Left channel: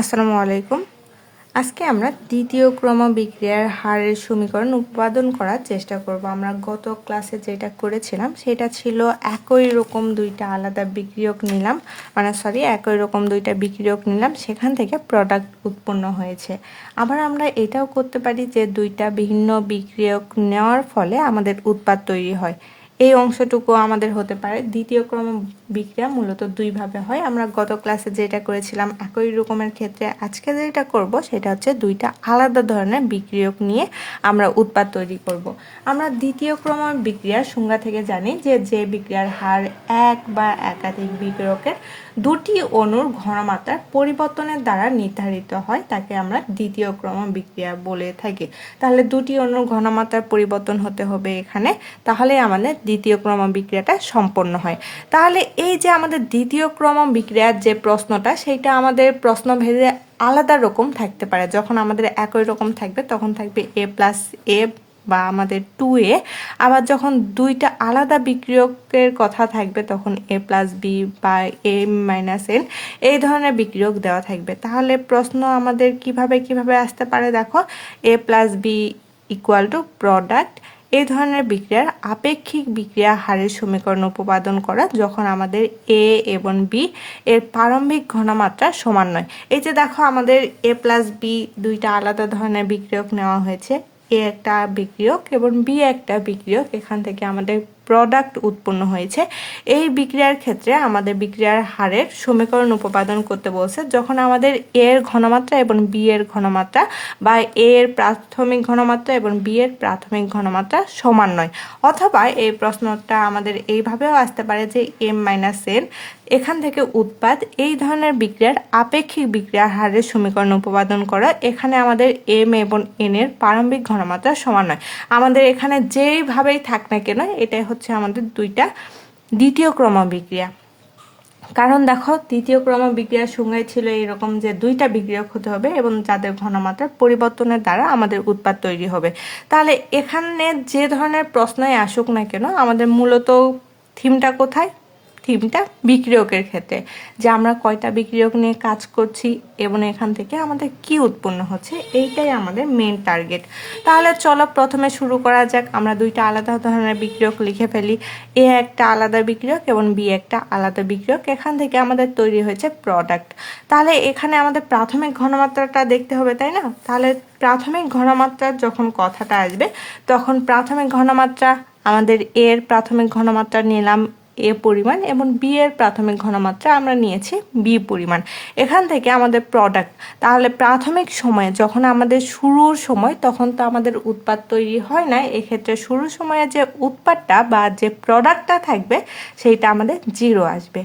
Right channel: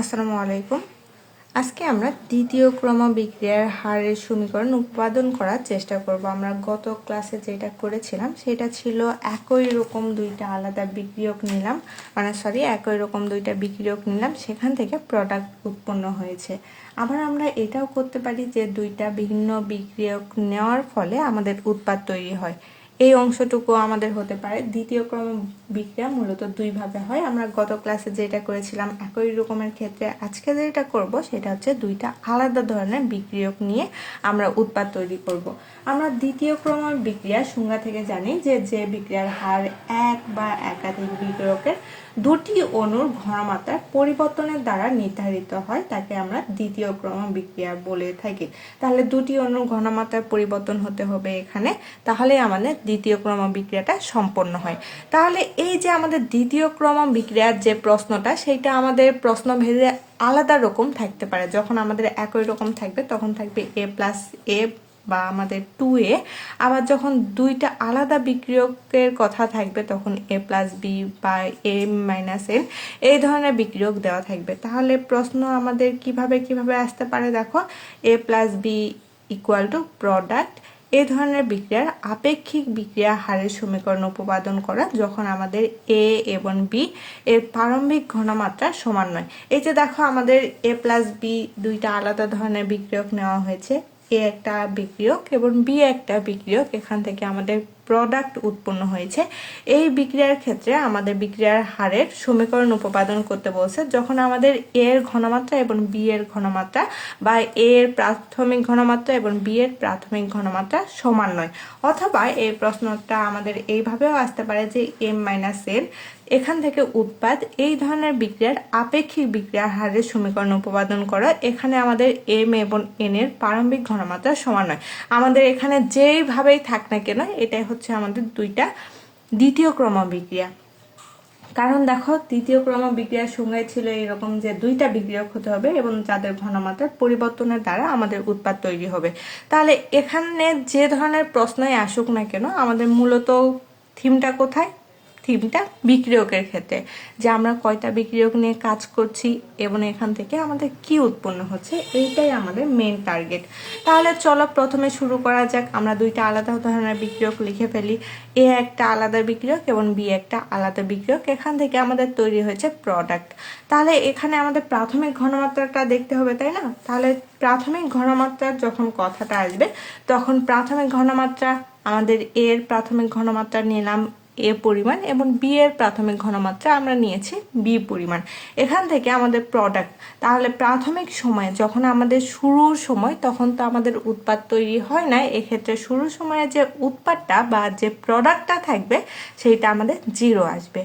আসসালামু আলাইকুম। আজকে আমরা দ্বিতীয় ক্রম বিক্রিয়ার হারের সমীকরণ উৎপাদন করার চেষ্টা করব। আমরা গত ক্লাসে যেটা করেছিলাম সেটা ছিল একই রকম দুইটা আলাদা বিক্রিয়ক নিলাম, একই রকম দুইটা বিক্রিয়ক নিলাম, সেখান থেকে প্রোডাক্ট উৎপন্ন হয়েছে। আবার আমরা এটাও করতে পারি যে দুইটা ভিন্ন বিক্রিয়ক নেওয়ার ফলে আমাদের উৎপাদ তৈরি হয়। এই অংশটুকু আমাদের হতে পারে। দ্বিতীয় ক্রম বিক্রিয়া মূলত দুইভাবে হয়। আমরা গত ক্লাসে যেটা করেছিলাম একই রকমের ক্ষেত্রে আজকে যেটা করব সেটা হচ্ছে দুইটা আলাদা ধরনের বিক্রিয়ক নিয়ে আমরা উৎপাদ তৈরি করব। আমরা দ্বিতীয় ক্রম বিক্রিয়ার সংজ্ঞা থেকে জানি যে বিক্রিয়ার হার এক বা একাধিক বিক্রিয়কের দুটি অণুর ঘনমাত্রার পরিবর্তনের দ্বারা নির্ধারিত হয়, তাকে আমরা দ্বিতীয় ক্রম বিক্রিয়া বলে থাকি। তাহলে দুটি অণুর ঘনমাত্রার পরিবর্তন হতে হবে এখানে, তাহলে আমাদের দ্বিতীয় ক্রম বিক্রিয়াটা সম্পন্ন হয়। তাহলে এই যে আমাদের দ্বিতীয় ক্রম বিক্রিয়ার যে প্রশ্নটা, সেইটা আমাদের প্রশ্নভেদে আলাদা রকম থাকতে পারে। যখন আমাদের একই রকম থাকবে তখন থাকবে a প্লাস a বা আমাদের 2a। আবার যখন দুইটা আলাদা বিক্রিয়কের কথা থাকবে তখন a প্লাস b বা a মাইনাস n এই ধরনের বিক্রিয়ক দেওয়া থাকবে। তাহলে প্রশ্ন আমাদের কিভাবে আসতে পারে, দেখো a plus b equal two product. এই ধরনের বিক্রিয়ার আপেক্ষিক বিক্রিয়া হারের সমীকরণ উপপাদন করা যখন আমাদের এ এবং বি এর প্রারম্ভিক ঘনমাত্রা সমান নয়। এই যে দেখো আমাদের এ প্লাস বি দুইটা আলাদা ধরনের বিক্রিয়ক নেওয়া হয়েছে, এ একটা বিক্রিয়ক এবং বি একটা বিক্রিয়ক, এখান থেকে আমাদের প্রোডাক্ট উৎপন্ন হয়েছে। এই বিক্রিয়ার ক্ষেত্রে আমাদের বিক্রিয়ার হারের সমীকরণ উপপাদন করতে বলছে যখন আমাদের এ এর ঘনমাত্রা এবং বি এর ঘনমাত্রা বা এ এর প্রাথমিক ঘনমাত্রা এবং বি এর প্রাথমিক ঘনমাত্রা সমান নয়। অথবা এই প্রশ্নটা আমাদের এইভাবেও আসতে পারে যে এম মাইনাস এন, এখান থেকে উৎপাদ এই ধরনের বিক্রিয়ার আপেক্ষিক বিক্রিয়ার হারের সমীকরণ উপপাদন করা। এখানে আমাদের এম এবং এন এর প্রারম্ভিক ঘনমাত্রা সমান নয়। আমাদের এখানে যেইভাবেই থাক না কেন এটাই হচ্ছে আমাদের দুইটা দ্বিতীয় ক্রম বিক্রিয়া। কারণ দেখো দ্বিতীয় ক্রম বিক্রিয়ার সংজ্ঞায় ছিল এরকম যে দুইটা বিক্রিয়ক হতে হবে এবং যাদের ঘনমাত্রার পরিবর্তনের দ্বারা আমাদের উৎপাদ তৈরি হবে। তাহলে এখানে যে ধরনের প্রশ্নই আসুক না কেন আমাদের মূলত থিমটা কোথায়? থিমটা বিক্রিয়কের ক্ষেত্রে, যে আমরা কয়টা বিক্রিয়ক নিয়ে কাজ করছি এবং এখান থেকে আমাদের কি উৎপন্ন হচ্ছে, এইটাই আমাদের মেন টার্গেট। তাহলে চলো প্রথমে শুরু করা যাক। আমরা দুইটা আলাদা ধরনের বিক্রিয়ক লিখে ফেলি, এ একটা আলাদা বিক্রিয়ক এবং বি একটা আলাদা বিক্রিয়ক। এখান থেকে আমাদের তৈরি হয়েছে প্রোডাক্ট। তাহলে এখানে আমাদের প্রাথমিক ঘনমাত্রাটা দেখতে হবে, তাই না? তাহলে প্রাথমিক ঘনমাত্রার যখন কথাটা আসবে তখন প্রাথমিক ঘনমাত্রা আমাদের এর প্রাথমিক ঘনমাত্রা নিলাম এ পরিমাণ এবং বি এর প্রাথমিক ঘনমাত্রা আমরা নিয়েছি বি পরিমাণ। এখান থেকে আমাদের প্রোডাক্ট। তাহলে প্রাথমিক সময়ে যখন আমাদের শুরুর সময় তখন তো আমাদের উৎপাদ তৈরি হয় না, এক্ষেত্রে শুরুর সময়ে যে উৎপাদটা বা যে প্রোডাক্টটা থাকবে সেইটা আমাদের 0 আসবে।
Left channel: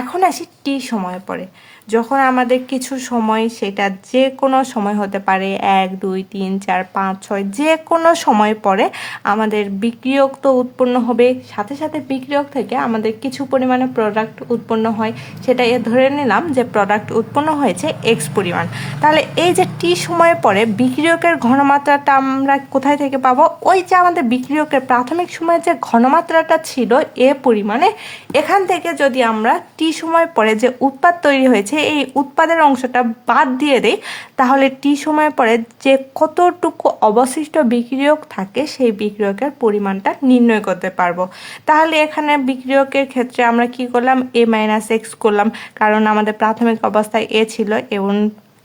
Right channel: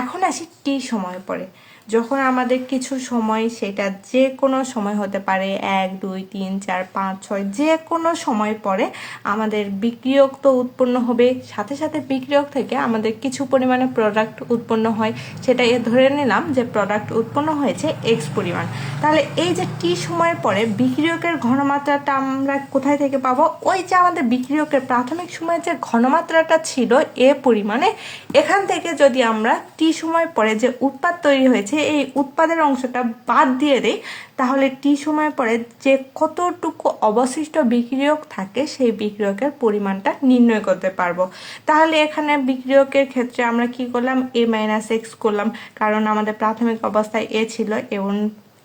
এখন আসি টি সময় পরে, যখন আমাদের কিছু সময়, সেটা যে কোনো সময় হতে পারে 1 2 3 4 5 6 যে কোনো সময় পরে আমাদের বিক্রিয়ক তো উৎপন্ন হবে, সাথে সাথে বিক্রিয়ক থেকে আমাদের কিছু পরিমাণে প্রোডাক্ট উৎপন্ন হয়। সেটা ধরে নিলাম যে প্রোডাক্ট উৎপন্ন হয়েছে এক্স পরিমাণ। তাহলে এই যে টি সময় পরে বিক্রিয়কের ঘনমাত্রাটা আমরা কোথায় থেকে পাবো? ওই যে আমাদের বিক্রিয়কের প্রাথমিক সময়ে যে ঘনমাত্রাটা ছিল এ পরিমাণে, এখান থেকে যদি আমরা টি সময় পরে যে উৎপাদ তৈরি হয়েছে এই উৎপাদের অংশটা বাদ দিয়ে দেই, তাহলে টি সময় পরে যে কতটুকু অবশিষ্ট বিক্রিয়ক থাকে সেই বিক্রিয়কের পরিমাণটা নির্ণয় করতে পারবো। তাহলে এখানে বিক্রিয়কের ক্ষেত্রে আমরা কি করলাম? এ মাইনাস এক্স করলাম, কারণ আমাদের প্রাথমিক অবস্থায় এ ছিল এবং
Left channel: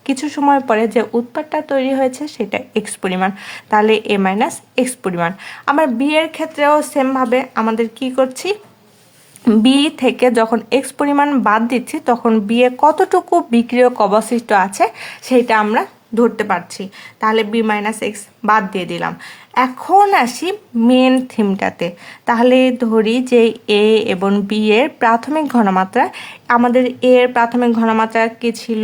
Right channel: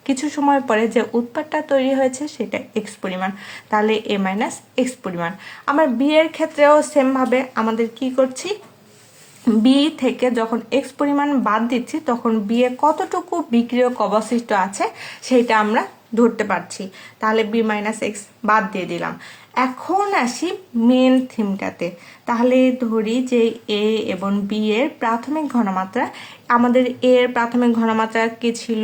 কিছু সময় পরে যে উৎপাদটা তৈরি হয়েছে সেটা এক্স পরিমাণ, তাহলে এ মাইনাস এক্স পরিমাণ। আমরা বি এর ক্ষেত্রেও সেমভাবে আমাদের কি করছি, বি থেকে যখন এক্স পরিমাণ বাদ দিচ্ছি তখন বি এ কতটুকু বিক্রিয়ক অবশিষ্ট আছে সেটা আমরা ধরতে পারছি। তাহলে বি মাইনাস এক্স বাদ দিয়ে দিলাম। এখন আসি মেন থিমটাতে। তাহলে ধরি যে এ এবং বি এর প্রাথমিক ঘনমাত্রা, আমাদের এ এর প্রাথমিক ঘনমাত্রা কি ছিল?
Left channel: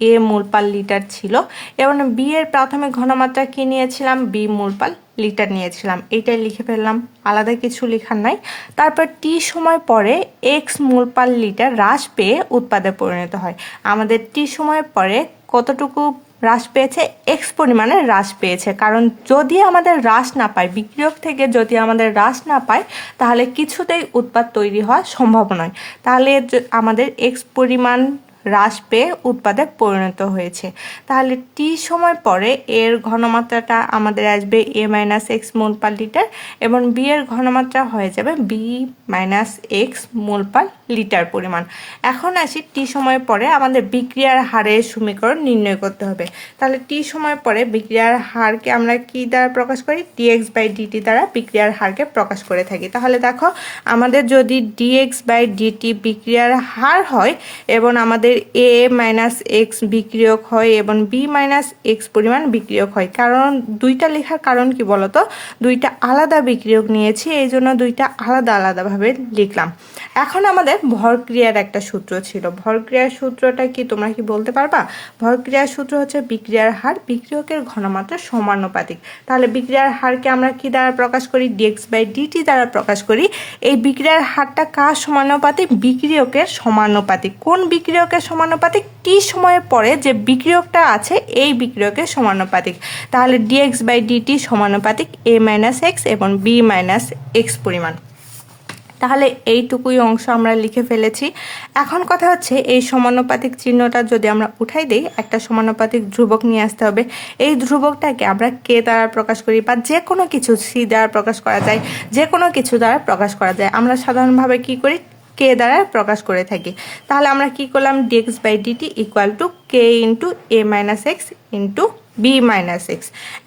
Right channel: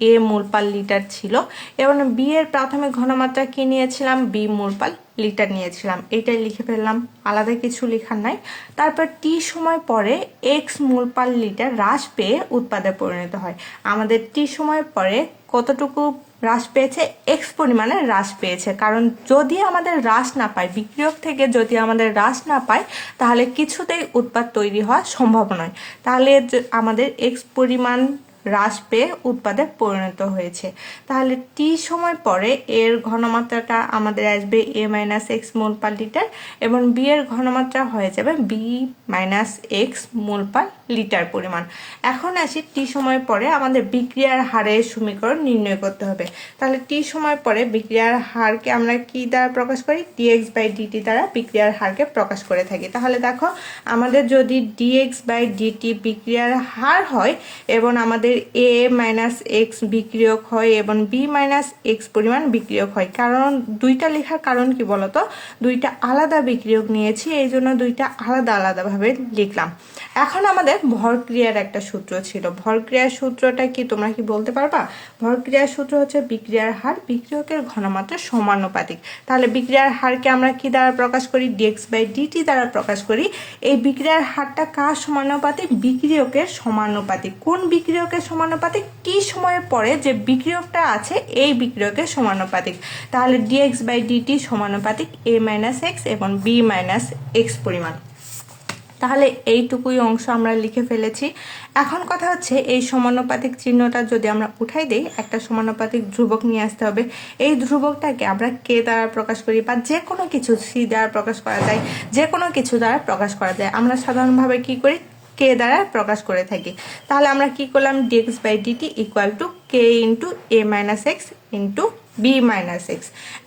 এ মোল পার লিটার ছিল এবং বি এর প্রাথমিক ঘনমাত্রা কি নিয়েছিলাম? বি মোল পার লিটার নিয়েছিলাম। এটাই লিখে ফেললাম, আলাদা কিছু লেখার নাই। তারপর টি সময় পরে এক্স মোল পার লিটার হ্রাস পেয়ে উৎপাদে পরিণত হয়। আমাদের টি সময় পরে কতটুকু হ্রাস পেয়েছে? এক্স পরিমাণে হ্রাস পেয়েছে। কারণ যদি আমাদের হ্রাস না পায়, বিক্রিয়ক থেকে যদি আমাদের হ্রাস না পায় তাহলে কিছুতেই উৎপাদ তৈরি হওয়া সম্ভব নয়। তাহলে আমাদের এক্স পরিমাণ হ্রাস পেয়ে উৎপাদে পরিণত হয়েছে। তাহলে টি সময় পরে এর ঘনমাত্রাটা আমাদের আসবে a minus x mole per litre এবং বি এর ঘনমাত্রা হয়ে যাবে বি মাইনাস এক্স মোল পার লিটার পরিমাণ। এখন আসি টি সময় পরে আমাদের বিক্রিয়ার হারের সমীকরণ নির্ণয় করতে হবে। তাহলে টি সময় পরে বিক্রিয়ার হারকে আমরা কি দ্বারা প্রকাশ করি? ডিএক্স বাই ডিটি দ্বারা বিক্রিয়ার হারকে প্রকাশ করে থাকি। তাহলে দেখো আমাদের যদি ডিএক্স বাই ডিটি বিক্রিয়ার হার হয় এবং আমাদের এ মাইনাস এক্স বিক্রিয়ক হয় এবং বি মাইনাস এক্স পরিমাণ বিক্রিয়ক হয়, কারণ দুইটা লেখার কারণ কি বলতো, দুইটা আলাদা বিক্রিয়ক নিয়েছি, এই জন্য দুইটা আলাদা আলাদাভাবে লিখলাম। এখন আমাদের ভরক্রিয়ার একটা সূত্র ছিল। ভরক্রিয়ার সূত্রটা কি তোমরা কি বলতে পারবা? ভরক্রিয়ার সূত্র হচ্ছে বিক্রিয়ার হার বিক্রিয়কের ঘনমাত্রা সমানুপাতিক। তাহলে বিক্রিয়ার হারকে আমরা কি দ্বারা প্রকাশ করি? ডিএক্স বাই ডিটি দ্বারা প্রকাশ করি। এই বিক্রিয়ার হারটা কার সমানুপাতিক? বিক্রিয়কের সমানুপাতিক। কোন বিক্রিয়কের সমানুপাতিক? টি সময়ের পরে যে বিক্রিয়কটা আছে এই বিক্রিয়কের সমানুপাতিক। তাহলে ডিএক্স বাই ডিটি সমানুপাতিক এ মাইনাস এক্স এবং বি মাইনাস এক্স পরিমাণ। তাহলে এইটুকুই অংশ আমরা লিখে ফেলেছি। এখন কথা হচ্ছে এই সমানুপাতিক চিহ্নটা যদি আমরা উঠাই দিই, একটা সমানুপাতিক ধ্রুবক নিয়ে আসতে হবে। এই ধ্রুবকটাকে আমরা কে দ্বারা প্রকাশ করি, বা যে কোনো কিছু সি দ্বারা প্রকাশ করা যায়, যে কোনো কিছু দ্বারা প্রকাশ করা যায়। আমরা সাধারণভাবে কি করি? কে দ্বারা প্রকাশ করে থাকি। তাহলে আমরা কি করলাম? Dx by dt equal to k into A minus x into B minus x.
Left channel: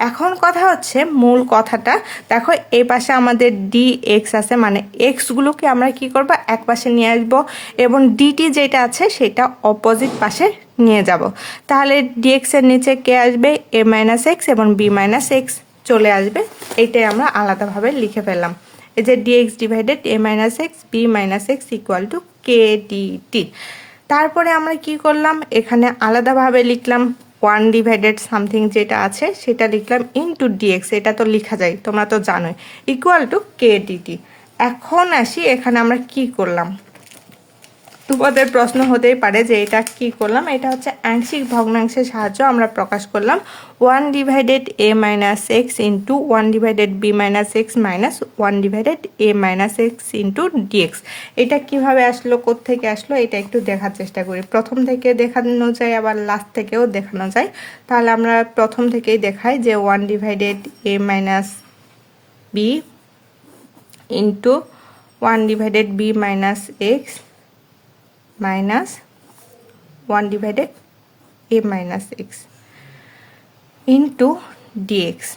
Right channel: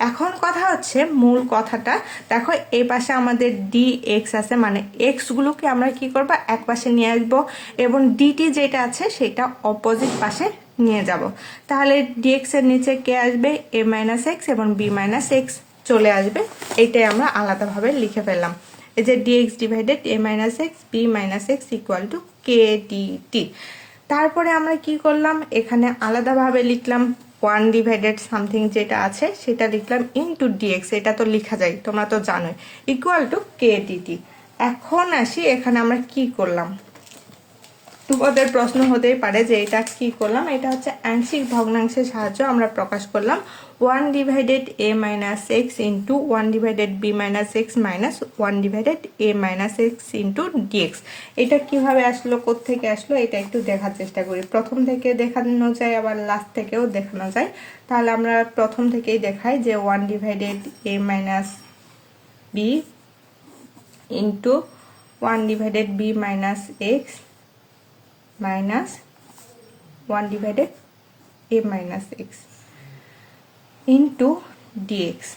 এখন কথা হচ্ছে মূল কথাটা দেখো, এই পাশে আমাদের ডি এক্স আছে, মানে এক্সগুলোকে আমরা কি করব? এক পাশে নিয়ে আসবো এবং ডিটি যেটা আছে সেটা অপোজিট পাশে নিয়ে যাব। তাহলে ডিএক্স এর নিচে কে আসবে? এ মাইনাস এক্স এবং বি মাইনাস এক্স চলে আসবে। এইটাই আমরা আলাদাভাবে লিখে ফেললাম। এই যে dx divided A minus x B minus x equal to k dt. তারপরে আমরা কি করলাম? এখানে আলাদাভাবে লিখলাম 1 ডিভাইডেড সামথিং যেটা আছে সেটা লিখলাম ইনটু ডিএক্স, এটা তো লেখা যায়, তোমরা তো জানোই, ইকুয়াল টু কে ডিটি। এখন আসি এখানে আমরা কি করলাম। তোমাদের প্রশ্ন হতেই পারে যে এটা কি করলাম। এটা হচ্ছে আংশিক ভগ্নাংশের সাহায্য আমরা প্রকাশ করলাম 1 ডিভাইডেড এ minus x into 1 divided B minus x minus 1 divided এ মাইনাস এক্স ইন্টু ডিএক্স। এটা কিভাবে আসলো, কোত্থেকে আসলো, এটা একটু দেখার চেষ্টা করি। প্রথম থেকে দেখানো যায়, আবার লাস্ট থেকেও দেখানো যায়। তাহলে আমরা প্রথম থেকেই দেখাই যে 1 ডিভাইডেড এ minus B into 1 divided B minus x minus 1 divided এ মাইনাস এক্স ইন্টু ডিএক্স।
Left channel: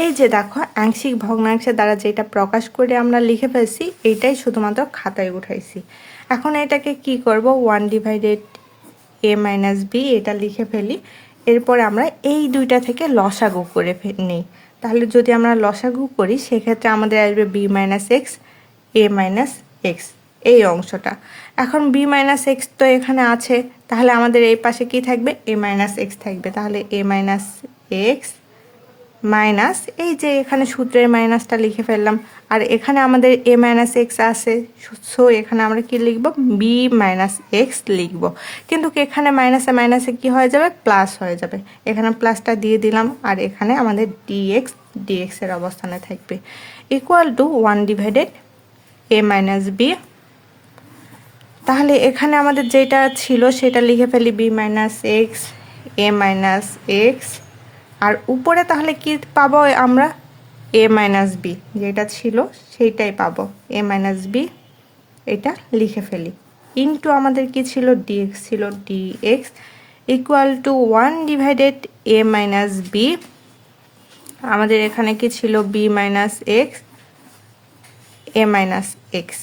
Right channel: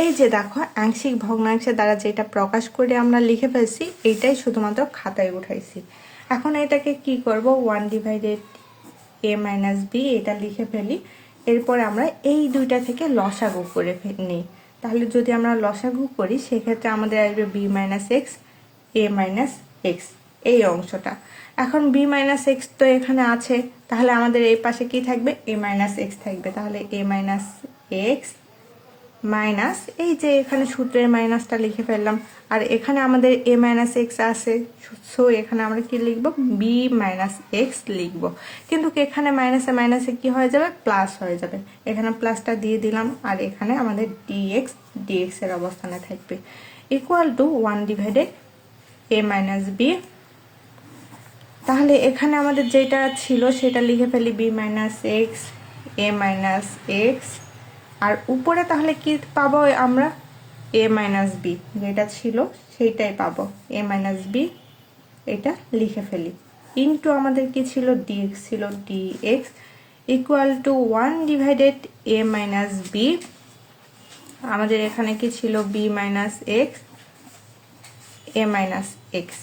এই যে দেখো আংশিক ভগ্নাংশের দ্বারা যেটা প্রকাশ করে আমরা লিখে ফেলছি, এইটাই শুধুমাত্র খাতায় উঠাইছি। এখন এটাকে কি করব? 1 ডিভাইডেড এ মাইনাস বি এটা লিখে ফেলি। এরপরে আমরা এই দুইটা থেকে লসাগু করে নিই। তাহলে যদি আমরা লসাগু করি সেক্ষেত্রে আমাদের আসবে B minus x a minus X, এই অংশটা। এখন বি মাইনাস এক্স তো এখানে আছে, তাহলে আমাদের এই পাশে কি থাকবে? এ মাইনাস এক্স থাকবে। তাহলে এ মাইনাস এক্স মাইনাস, এই যে এখানে সূত্রের মাইনাসটা লিখে ফেললাম, আর এখানে আমাদের এ মাইনাস এক্স আছে, সো এখানে আমরা কি লিখব? বি মাইনাস এক্স লিখব। কিন্তু এখানে মাইনাসে মাইনাসে কি হয়ে যাবে? প্লাস হয়ে যাবে। এখানে প্লাসটা দিয়ে দিলাম, আর এখানে আমাদের ডিএক্স এর অবস্থানে থাকবে equal to 1 divided A minus b. তাহলে এখানে আমাদের যেটা ছিল সেটা লিখে ফেলি b minus x a minus x, আর উপরে তাহলে কি পাবো আমরা? এ মাইনাস বি যেটা ছিল সেইটাই পাবো, এ মাইনাস বি, এটা লিখে ফেলি ইনটু আমাদের কি ছিল? ডিএক্স ছিল, dx equal to 1 divided A minus b. আমাদের এখানে কি ছিল? B minus x a minus x,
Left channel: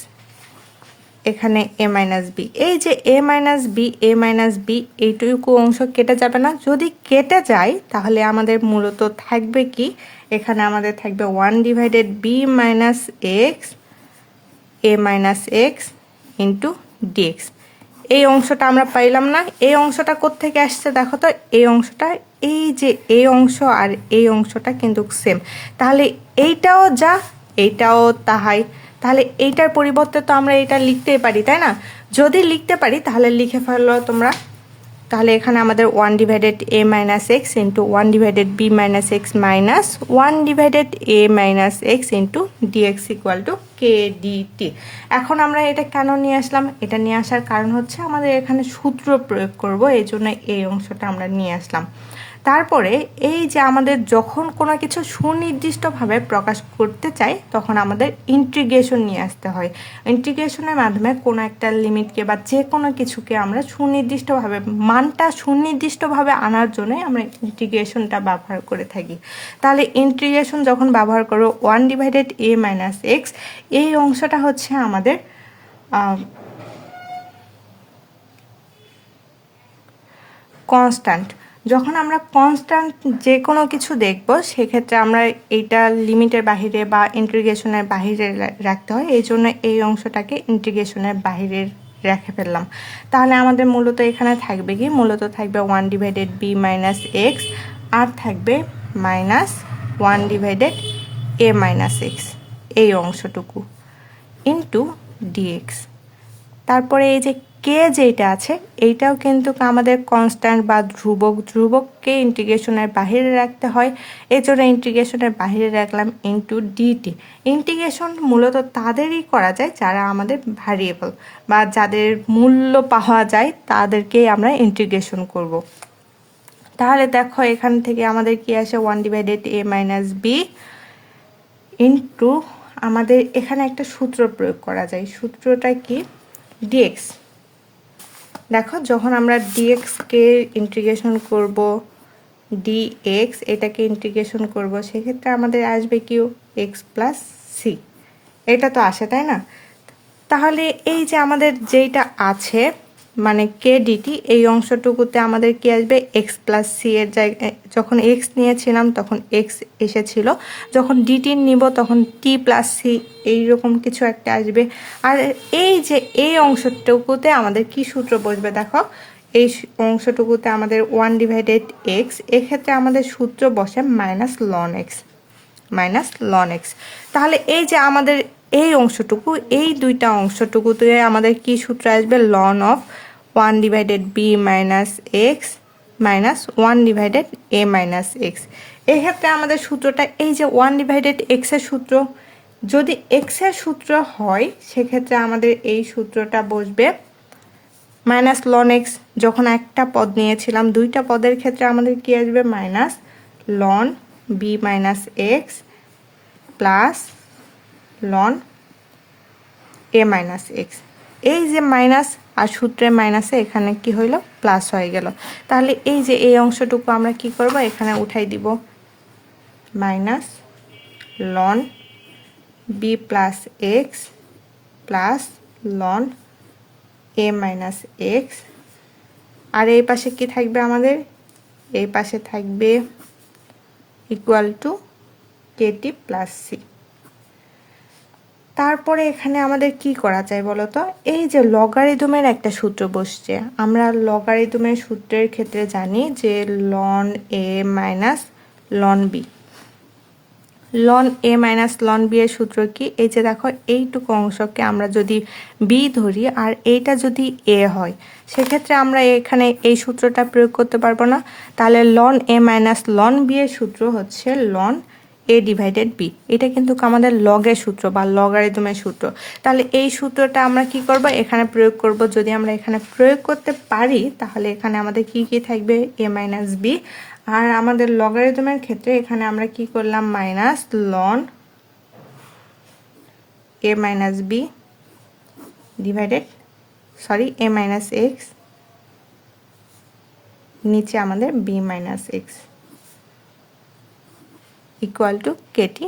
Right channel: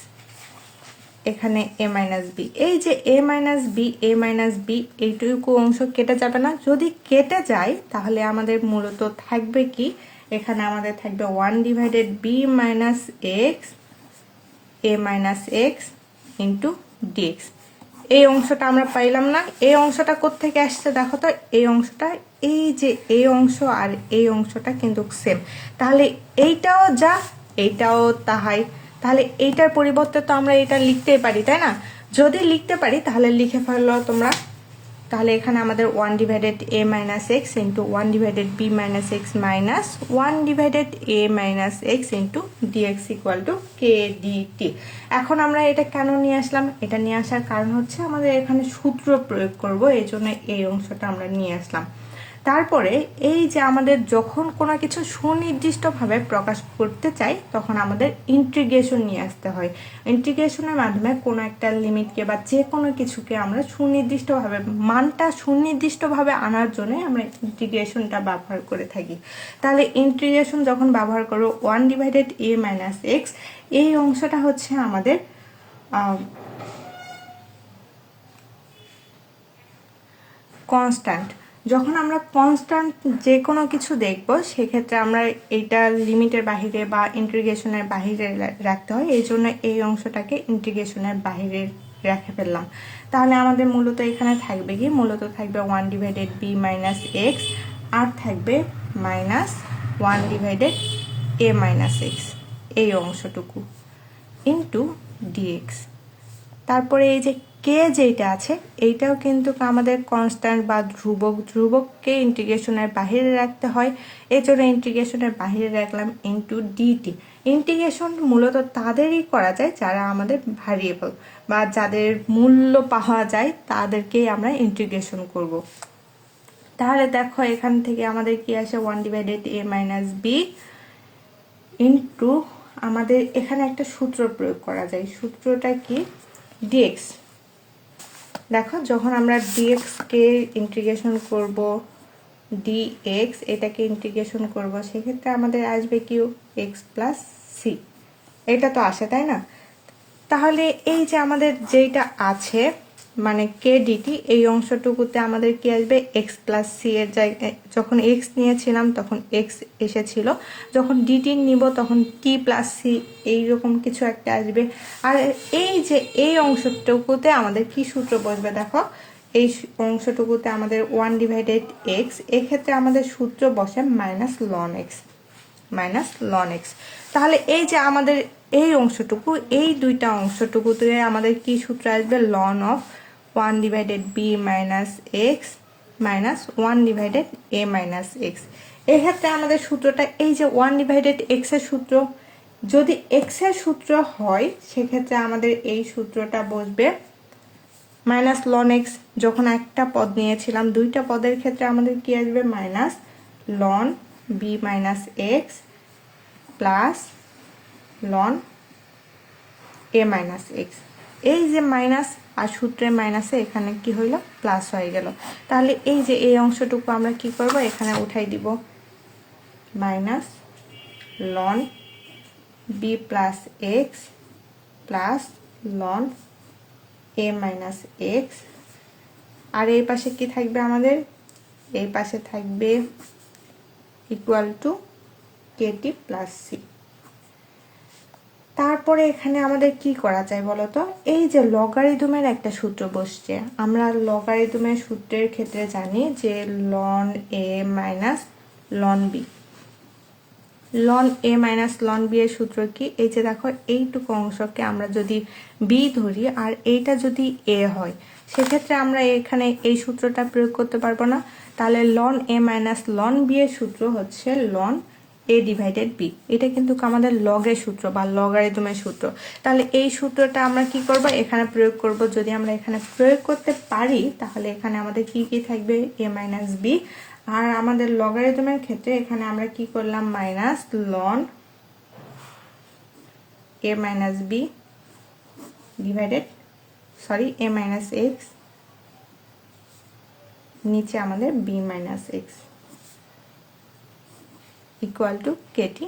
এখানে এ মাইনাস বি। এই যে এ মাইনাস বি এইটুকু অংশ কেটে যাবে না? যদি কেটে যায় তাহলে আমাদের মূলত থাকবে কি? এখানে আমাদের থাকবে 1 divided B minus x a minus x into dx. এই অংশটা আমরা পাইলাম না। এই অংশটা কোত্থেকে আসছে দেখো তো? এই অংশটা, এই যে এই অংশ আর এই অংশটা কিন্তু সেম। তাহলে এইটাও যা, এইটাও তাহাই। তাহলে এইটার পরিবর্তে তো আমরা এটা লিখতেই পারি, তাই না? যদি লিখতে পারি তাহলে লিখে ফেলো তোমরা তাহলে এখানে আমাদের 1 divided a minus x into 1 divided b minus x minus 1 divided a minus x into dx equal to k dt. এখন আমরা এটা কেন নিয়ে আসলাম? এটা নিয়ে আসার কারণ হচ্ছে আমাদের এখানে সূত্র প্রয়োগ করব, এই জন্য এই অংশটা আমরা নিয়ে আসলাম। তারপরে এই যে আমাদের যখন কোনো কিছু সুনির্দিষ্টভাবে প্রকাশ করতে চাই তখন আমাদের ইন্টিগ্রেশন নিয়ে আসতে হয়। ইন্টিগ্রেশনের মাধ্যমে কোনো একটা লিমিটকে বা যে কোনো কিছুকে আমরা সুনির্দিষ্টভাবে মানটা সুনির্দিষ্টভাবে আনার জন্যই আমরা ইন্টিগ্রেশনটা ব্যবহার করে থাকি। তাহলে ইন্টিগ্রেশন যখন ব্যবহার করবো 1 ডিভাইডেড a মাইনাস এক্স, এই অংশটা হচ্ছে আমাদের কনস্ট্যান্ট। যখন আমরা কনস্ট্যান্ট যে কোনো কিছু দেখব সেক্ষেত্রে আমরা এইটা লিমিটের বাহিরে বা ইন্টিগ্রেশনের বাহিরে রাখতে হয়, এই জন্য এই অংশটাকে ইন্টিগ্রেশনের বাহিরে রেখে ফেললাম। তাহলে আমাদের মূলত এখানে থাকবে কি? মূলত থাকবে 1 ডিভাইডেড b মাইনাস এক্স আর থাকবে minus 1 divided a minus X, এই অংশটুকু ইন্টু ডিএক্স। তারপরে এই যে কে যেটা আছে এইটাও কিন্তু আমাদের কনস্ট্যান্ট বা ধ্রুবক, ধ্রুবককে ইন্টিগ্রেশনের বাহিরে রাখতে হয়, এই জন্য ইন্টিগ্রেশনের বাহিরে রাখলাম ইন্টু ডিটি। ইন্টিগ্রেশন মূলত তাদেরই করা যায় যারা আমাদের ভ্যারিয়েবল বা যাদের মূল্য পাওয়া যায় তাদেরকেই আমরা ইন্টিগ্রেশন করব। তাহলে দেখো এখান থেকে আমাদের কি আসে? 1 divided a minus B into আমাদের এখানে একটা সূত্র প্রয়োগ করা যায়। সূত্রটা কি? ডিএক্স। দেখো যখন আমরা ডিএক্সকে ইন্টিগ্রেশন করব, ডিএক্স এটাকে ইন্টিগ্রেশন করব, সেক্ষেত্রে আমাদের আসবে কি? X plus c. এটা তো আসে, তাই না? তাহলে এই যে আমাদের যেটা আছে মানে কে ডিটি, এই অংশটুকুতে আমাদের কি আসবে? এক্স প্লাস সি এর জায়গায় যখন এক্স নিয়েছিলাম তখন এক্স এসেছিল, যখন ডিটি নিব তখন টি প্লাস সি এইরকম কিছু একটা আসবে। আর এই যে এই অংশটুকুতে আমাদের কি সূত্র বসবে? দেখো এই অংশটুকুতে আমাদের 1 ডিভাইডেড এক্স, এক্ষেত্রে আমাদের সূত্র বসে minus loan x, minus loan x. তাহলে এই যে আমাদের এই অংশটুকু, এই দুইটা অংশটুকুতে আমাদের কি সূত্র আসবে? Ln of 1 divided B minus x minus 1 divided A minus x. এক্ষেত্রে আমাদের সূত্রটা এই যে 1 ডিভাইডেড এক্সের সূত্র, যদি এক্সের সূত্র হয় সেক্ষেত্রে আমাদের এই সূত্রটা বসবে মাইনাস লন এক্স। যখন একটা পদ নিয়েছিলাম, দুইটা পদের ক্ষেত্রে আমাদের কি আসবে? Minus ln B minus X plus ln এ মাইনাস এক্স। এই যে মাইনাস আর সূত্রের মাইনাসে এখানে কি হইল? প্লাস হয়ে গেল। তাহলে এই যে এই অংশটুকু আমরা কি করব? এখানে উঠাই দিব minus ln B plus X plus ln এ মাইনাস এক্স। আর এই পাশে কি থাকবে আমাদের? এই পাশে থাকবে equal to Katie plus C. তারপরে এখানে আমাদের কি করা যায় বলো তো? এই যে লগারিদমের একটা সূত্র বসছে, আমরা লগারিদমের সূত্রের ক্ষেত্রে জানি যে লন এ মাইনাস লন বি। লন এ মাইনাস লন বি এর সূত্র কি? এই যে দেখো এইটুকু অংশকে আমরা যদি বি ধরি আর এইটা যদি এ হয়, সেক্ষেত্রে আমরা এখানে এই সূত্রটা প্রয়োগ করতে পারবো না। তাহলে লন এ মাইনাস লন বি এর সূত্র হচ্ছে লন এ ডিভাইডেড বি। এটা কিন্তু আমাদের লগের সূত্র বা লগারিদমের সূত্র। তাহলে এই সূত্রটা আমরা কি করব? এখানে প্রয়োগ করব। যদি আমরা এখানে প্রয়োগ করতে পারি তাহলে এখানে আমাদের কি কি থাকবে? এ মাইনাস বি। আর আমাদের লগারিদমের ক্ষেত্রে এখানে আমরা কি করলাম? মাইনাস লন এ মাইনাস বি ডিভাইডেড এ মাইনাস এক্স, নিচে আমাদের b minus x equal to Katie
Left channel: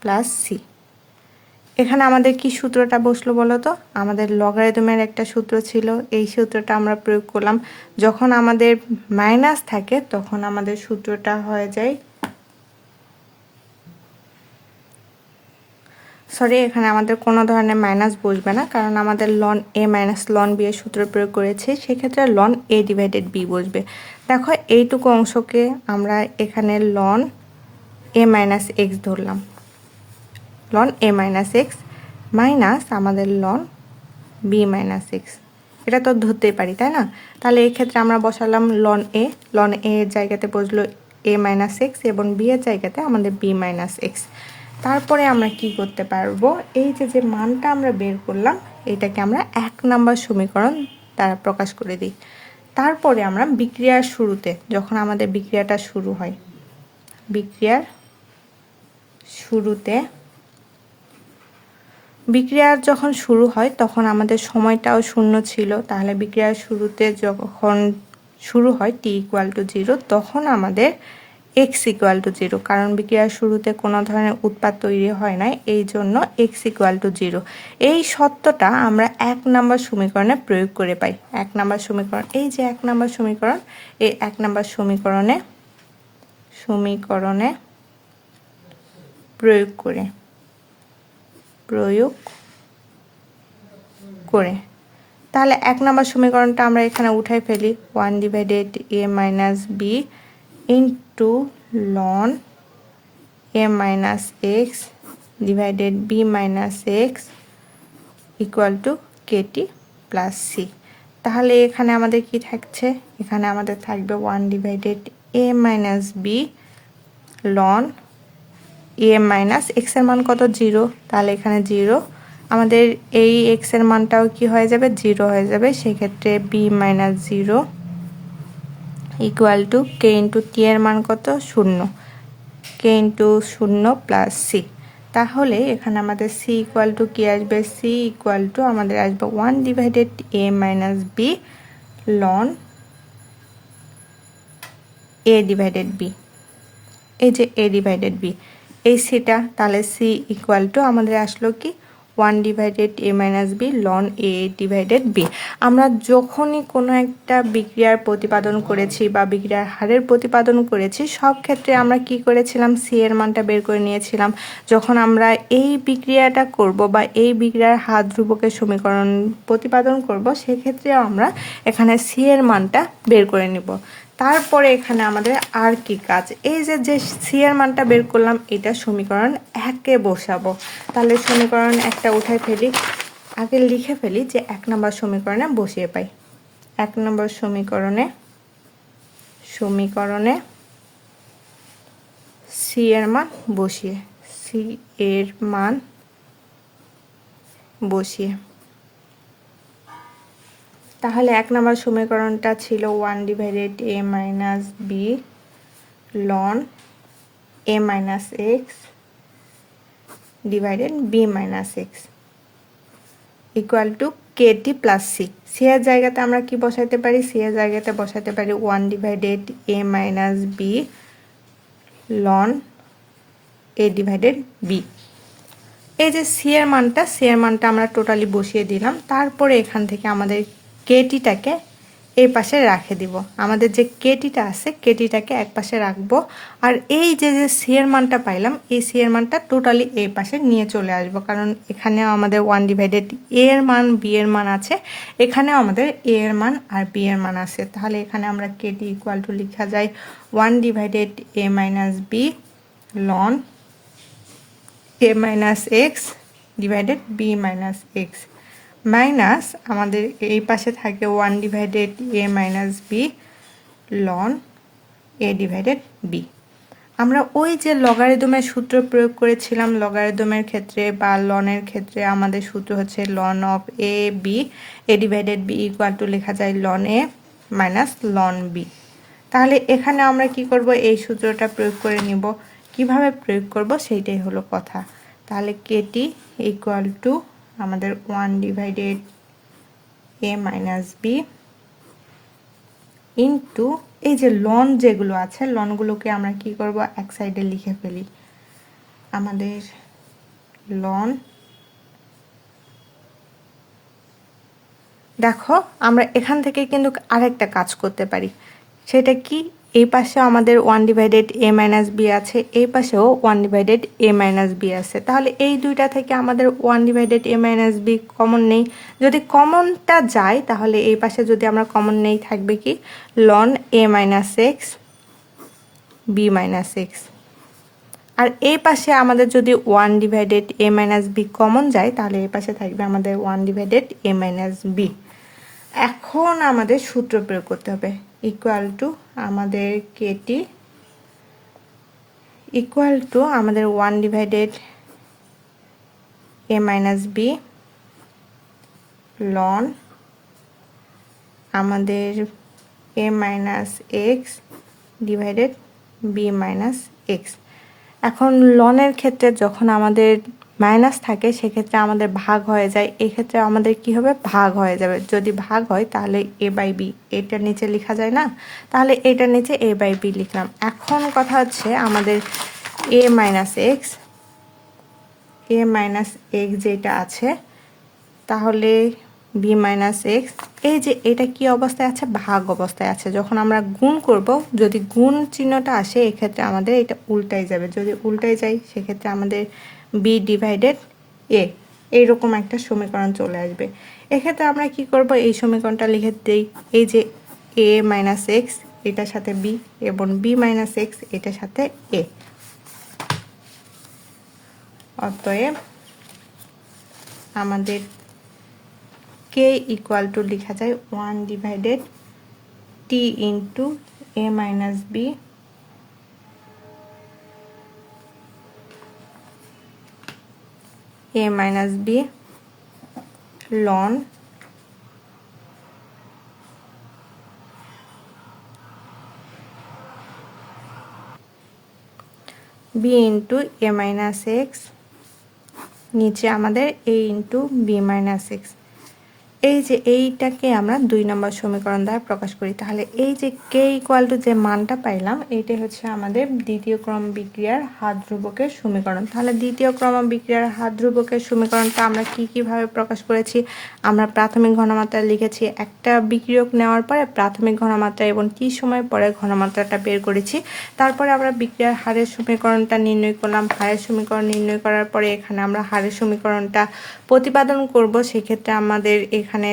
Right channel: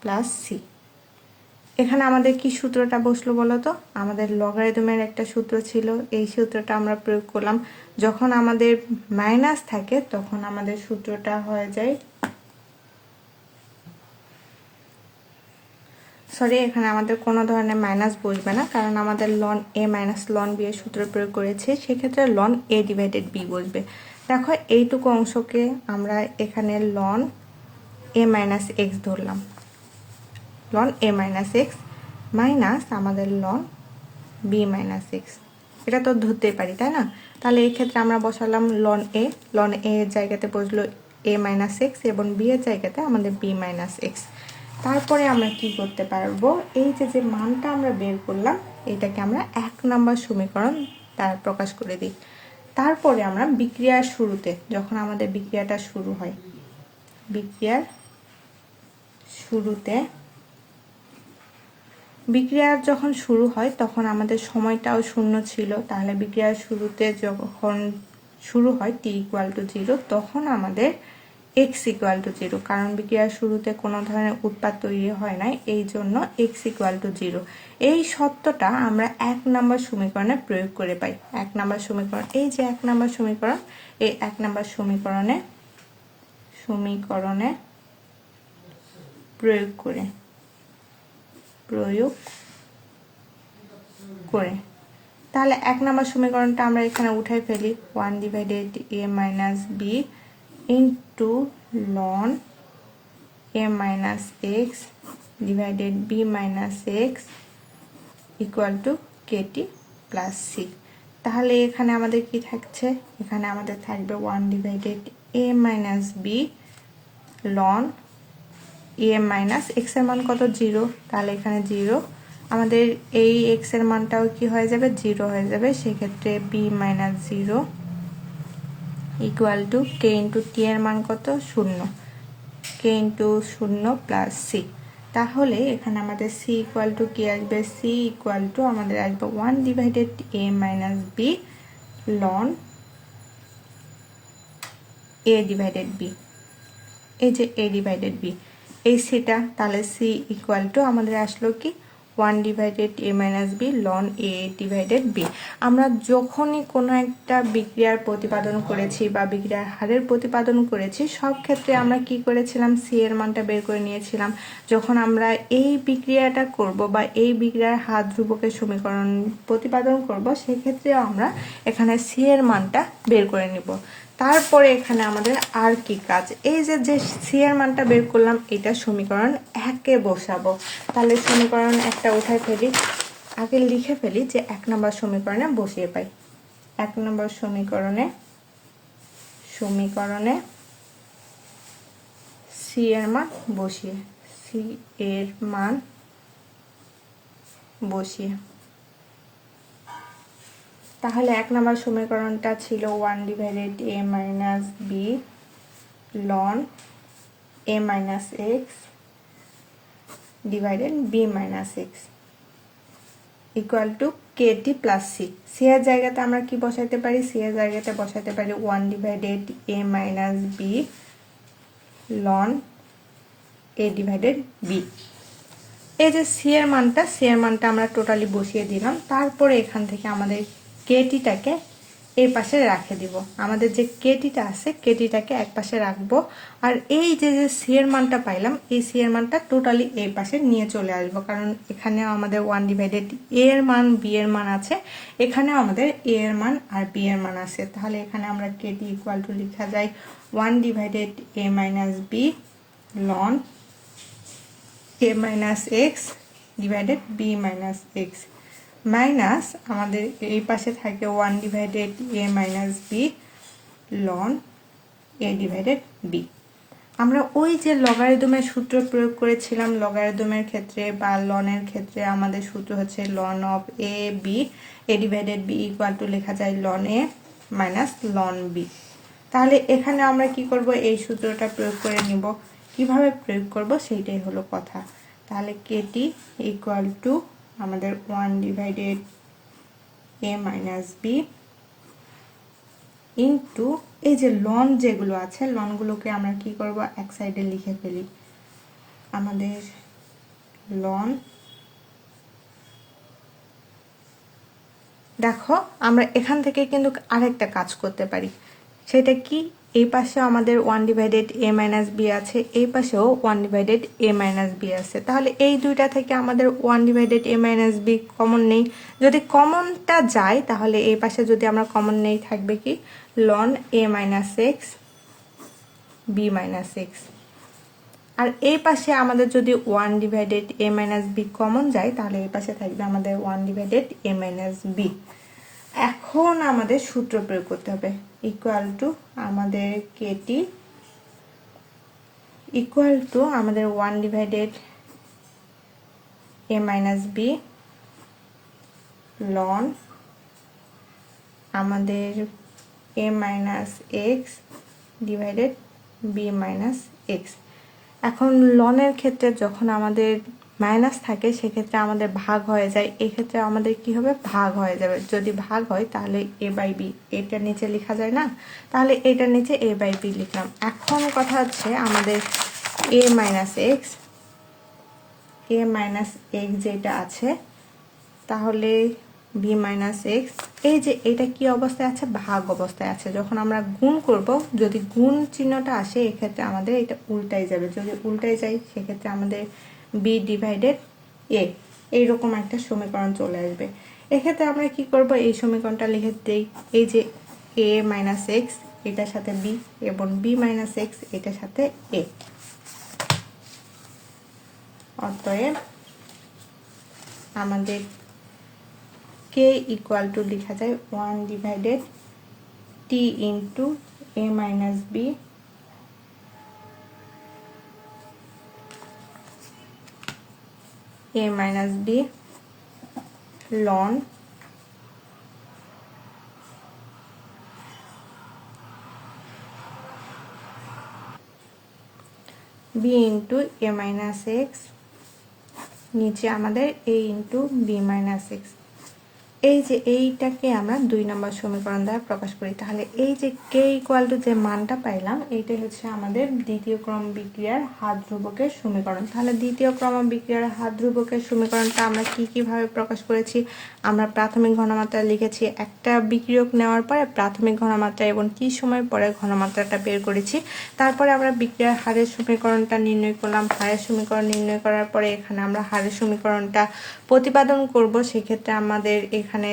plus c. এখানে আমাদের কি সূত্রটা বসলো বলো তো? আমাদের লগারিদমের একটা সূত্র ছিল, এই সূত্রটা আমরা প্রয়োগ করলাম। যখন আমাদের মাইনাস থাকে তখন আমাদের সূত্রটা হয়ে যায়, এখানে আমাদের কোনো ধরনের মাইনাস বসবে না, কারণ আমাদের লন এ মাইনাস লন বি এর সূত্র প্রয়োগ করেছি, সেক্ষেত্রে লন এ ডিভাইডেড বি বসবে। দেখো এইটুকু অংশকে আমরা এখানে লন এ মাইনাস এক্স ধরলাম, লন এ মাইনাস এক্স মাইনাস আমাদের লন বি মাইনাস এক্স এটা তো ধরতেই পারি, তাই না? তাহলে এই ক্ষেত্রে আমরা বসালাম লন এ এর জায়গাতে বসলো a মাইনাস এক্স এবং বি এর জায়গাতে আমাদের b মাইনাস এক্স। তারপরে আমরা কি করতে পারবো, এই যে মানটা আমরা বের করলাম এটাকে আমরা 1 নাম্বার সমীকরণ দ্বারা প্রকাশ করে দিই। তারপরে আমরা বিক্রিয়ার শুরুতে, যখন আমাদের বিক্রিয়াটা শুরু হয়, বিক্রিয়ার যখন শুরু হয় তখন আমাদের সময়টাও শূন্য ছিল। তাহলে বিক্রিয়ার শুরুতে যখন শুরু হয় t ইকুয়াল টু 0, তখন আমাদের x ইকুয়াল টু 0, কারণ বিক্রিয়ার শুরুতে কোনো ধরনের উৎপাদ তৈরি হয় না, এই জন্য x ইকুয়াল টু 0। এই সত্যটা আমরা 1 নাম্বার সমীকরণে প্রয়োগ করে পাই। 1 নাম্বার সমীকরণ, এই যে 1 নাম্বার সমীকরণ, এই 1 নাম্বার সমীকরণে প্রয়োগ করে তাহলে 1 নাম্বার সমীকরণটা আমরা এখানে উঠাই ফেলি, 1 divided a minus B into ln a minus x divided b minus x equal to Katie plus c. তাহলে এখানে আমাদের কি থাকছে, এখানে আমাদের থাকবে 1 divided a minus B ln a minus x এর মান কত, 0, তাহলে এখানে 0, আমাদের এই x এর মানটাও কি হয়ে যাবে, 0 হয়ে যাবে। সেক্ষেত্রে b minus 0 equal to k into T এর মান কত, 0, k ইন্টু 0 প্লাস সি। তাহলে এখানে আমাদের c ইকুয়াল টু কি আসবে, c ইকুয়াল টু আমাদের আসবে 1 divided a minus B ln a divided b, এই যে a ডিভাইডেড b, এই সিটা, তাহলে c ইকুয়াল টু আমাদের আসলো কি 1 divided a minus B ln a divided b। আমরা যখনই কোনো একটা বিক্রিয়ার প্রতিপাদন করেছি বা বিক্রিয়ার হারের প্রতিপাদন করেছি, সব ক্ষেত্রে আমরা কি করেছিলাম, c এর মানটা বের করে নিয়েছিলাম। যখন আমরা এই বিক্রিয়াটা করব বা এই বিক্রিয়ার হার ধ্রুবকের সমীকরণ প্রতিপাদন করব, সেক্ষেত্রে আমরা এখানে c এর মানটা বের করে নেব। তারপরে এখানে আমাদের আর কি কাজ, এই যে সি এর মানটা বের করলাম, এটা সমীকরণ 1-এ বসাবো। তাহলে সমীকরণ 1টা উঠে ফেলি, আগে লিখে ফেলি যে 1 নম্বর সমীকরণে বসিয়ে পাই। 1 নম্বর সমীকরণে সি এর মান বসিয়ে তাহলে 1 নম্বর সমীকরণটা ছিল 1 divided a minus B ln a minus x divided b minus x equal to Katie plus c. C এর জায়গাতে আমরা কি বসাইতে পারি, সি এর জায়গাতে বসাইতে পারি 1 divided a minus B ln a divided b। এই যে সি এর মানটা আমরা টোটালি বসিয়ে দিলাম। তারপরে এখান থেকে আমাদের কেটিটাকে এই পাশে রেখে দিব। আমাদের যে কেটিটা আছে, কেটিটাকে এক পাশে রাখবো। আর এই যে সি এর মানটা পাইলাম, এই সি এর মানটা টোটালি এই পাশে নিয়ে চলে আসবো, কারণ এখানেও আমাদের 1 ডিভাইডেড এ এর মান, বি এর মান আছে, এখানেও আমাদের এ এর মান আর বি এর মান আছে। তাহলে এখানে আমরা কেটি ইকুয়াল টু লেখা যায় 1 divided A minus B ln a minus x divided b minus x minus আমাদের এই পাশে থাকে 1 divided a minus B ln a divided b। আমরা ওই যে লগারিদমের সূত্র প্রয়োগ করেছিলাম, লগারিদমের ক্ষেত্রে বা লনের ক্ষেত্রে আমাদের সূত্র হচ্ছে ln of a b, a divided b equal to লেখা যায় ln a minus ln b। তাহলে এখানে আমরা কি করব, এই সূত্রটা প্রয়োগ করে নিব। কিভাবে প্রয়োগ করব সেইটাই হলো কথা। তাহলে কেটি ইকুয়াল টু আমাদের 1 divided a minus B into এই যে লন যেগুলো আছে, লনগুলোকে আমরা কি করব, এক সাইডে লিখে ফেলি। আমাদের লন, দেখো আমরা এখান থেকে কিন্তু আরেকটা কাজ করতে পারি। সেটা কি, এই পাশে আমাদের 1 ডিভাইডেড a মাইনাস বি আছে, এই পাশেও 1 ডিভাইডেড a মাইনাস বি আছে। তাহলে এই দুইটা থেকে আমাদের 1 divided a minus B common নেই। যদি কমনটা যায়, তাহলে এই পাশে যদি আমরা কমন নেই, থাকবে কি ln a minus x B minus x. আর এই পাশে আমাদের যদি 1 divided a minus B common যায়, তাহলে এই পাশে থাকবে আমাদের 1 ডিভাইডেড a মাইনাস বি। এখন আমাদের সূত্র প্রয়োগ করতে হবে, ইকুয়াল টু আমাদের কেটি ইকুয়াল টু আমাদের 1 divided a minus B ln আমাদের a minus x divided B minus x. এখন লনের ক্ষেত্রে যখন আমাদের মাইনাস থাকে সেক্ষেত্রে আমাদের ভাগ হয়ে যায়, এই ক্ষেত্রে আমাদের কি হবে, ভাগ হয়ে যাবে। যদি ভাগ হয় তাহলে এ বাই বি, এটার নিচে লেখা যায় না, তাহলে এটার নিচে এ বাই বি লিখলাম। এখন কথা হচ্ছে আমাদের এ মাইনাস এক্স যেটা আছে, তাহলে বি মাইনাস এক্স, এই যে এটা কি অবস্থায় আছে, ভাগ অবস্থায় আছে। যখন আমরা গুণ করব, যদি গুণ চিহ্নটা আসে এক্ষেত্রে আমাদের এটা উল্টাই যাবে, যদি উল্টাই যায় সেক্ষেত্রে আমাদের বি ডিভাইডেড এ এইরকম একটা সমীকরণ চলে আসবে। এক্ষেত্রে আমরা কি করব, এই সমীকরণটা লিখে দেই, এই যে এ মাইনাস এক্স এটার সাথে বি এবং বি মাইনাস এক্স এটার সাথে এ। অতএব আমাদের কে ইকুয়াল টু লেখা যায় 1 ডিভাইডেড টি ইন্টু এ minus B ln B into এ মাইনাস এক্স, নিচে আমাদের A into B minus X. এই যে এইটাকে আমরা 2 নম্বর সমীকরণ দ্বারা প্রকাশ করি। তাহলে এই যে কে ইকুয়াল টু যে মানটা পাইলাম, এইটাই হচ্ছে আমাদের দ্বিতীয় ক্রম বিক্রিয়ার হাত ধ্রুবকের সমীকরণ। তাহলে দ্বিতীয় ক্রম বিক্রিয়ার হাত ধ্রুবকের সমীকরণটা আমরা কিভাবে প্রকাশ করেছি, আমরা প্রাথমিক ঘনমাত্রা লিখেছি, একটা বিক্রিয়ক নেওয়ার পরে প্রাথমিক ঘনমাত্রা এবং কি সময় পরে ঘনমাত্রাটা বের করেছি। তারপরে আমরা বিক্রিয়ার হারের সমীকরণটা নির্ণয় করলাম। হারের সমীকরণ নির্ণয় করার পরে এখানে আমরা হারের সমীকরণটা প্রতিপাদন করব। সেক্ষেত্রে আমাদের এখানে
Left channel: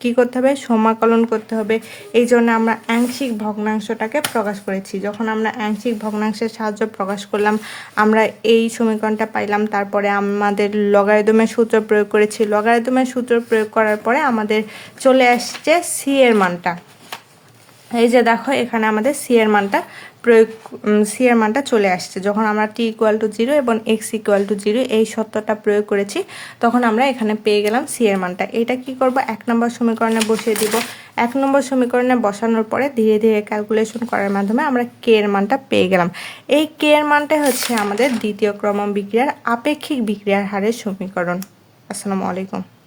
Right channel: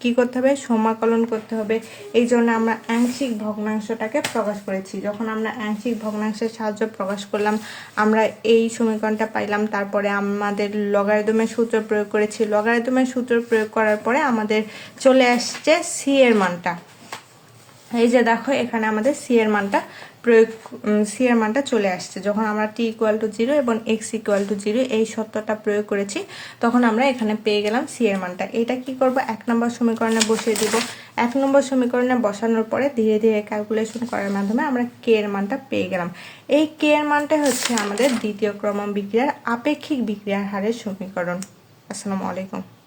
কি করতে হবে, সমাকলন করতে হবে। এই জন্য আমরা আংশিক ভগ্নাংশটাকে প্রকাশ করেছি। যখন আমরা আংশিক ভগ্নাংশের সাহায্যে প্রকাশ করলাম, আমরা এই সমীকরণটা পাইলাম। তারপরে আমাদের লগারিদমের সূত্র প্রয়োগ করেছি। লগারিদমের সূত্র প্রয়োগ করার পরে আমাদের চলে আসছে সি এর মানটা। এই যে দেখো এখানে আমাদের সি এর মানটা চলে আসছে। যখন আমরা টি ইকুয়াল টু 0 এবং এক্স ইকুয়াল টু 0 এই সত্যটা প্রয়োগ করেছি, তখন আমরা এখানে পেয়ে গেলাম সি এর মানটা। এটা কি করব, 1 নম্বর সমীকরণে বসিয়ে দিব। 1 নম্বর সমীকরণে বসানোর পরে ধীরে ধীরে ক্যালকুলেশন করার মাধ্যমে আমরা কে এর মানটা পেয়ে গেলাম। এই কে এর মানটা হচ্ছে আমাদের দ্বিতীয় ক্রম বিক্রিয়ার আপেক্ষিক বিক্রিয়ার হারের সমীকরণ। আসসালামু আলাইকুম।